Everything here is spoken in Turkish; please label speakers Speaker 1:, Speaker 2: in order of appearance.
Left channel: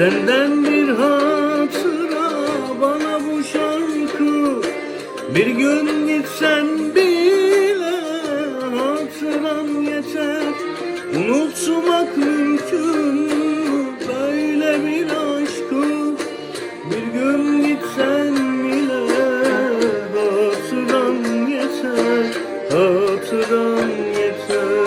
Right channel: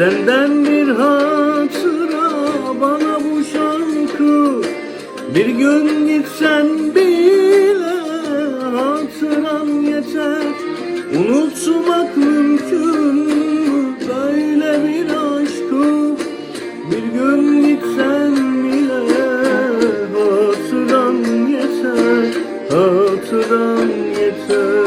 Speaker 1: Senden bir hak bana bu şarkı Bir gün gitsen bile hak yeter Unutmak mümkün böyle bir aşkı Bir gün gitsen bile hak yeter Hak yeter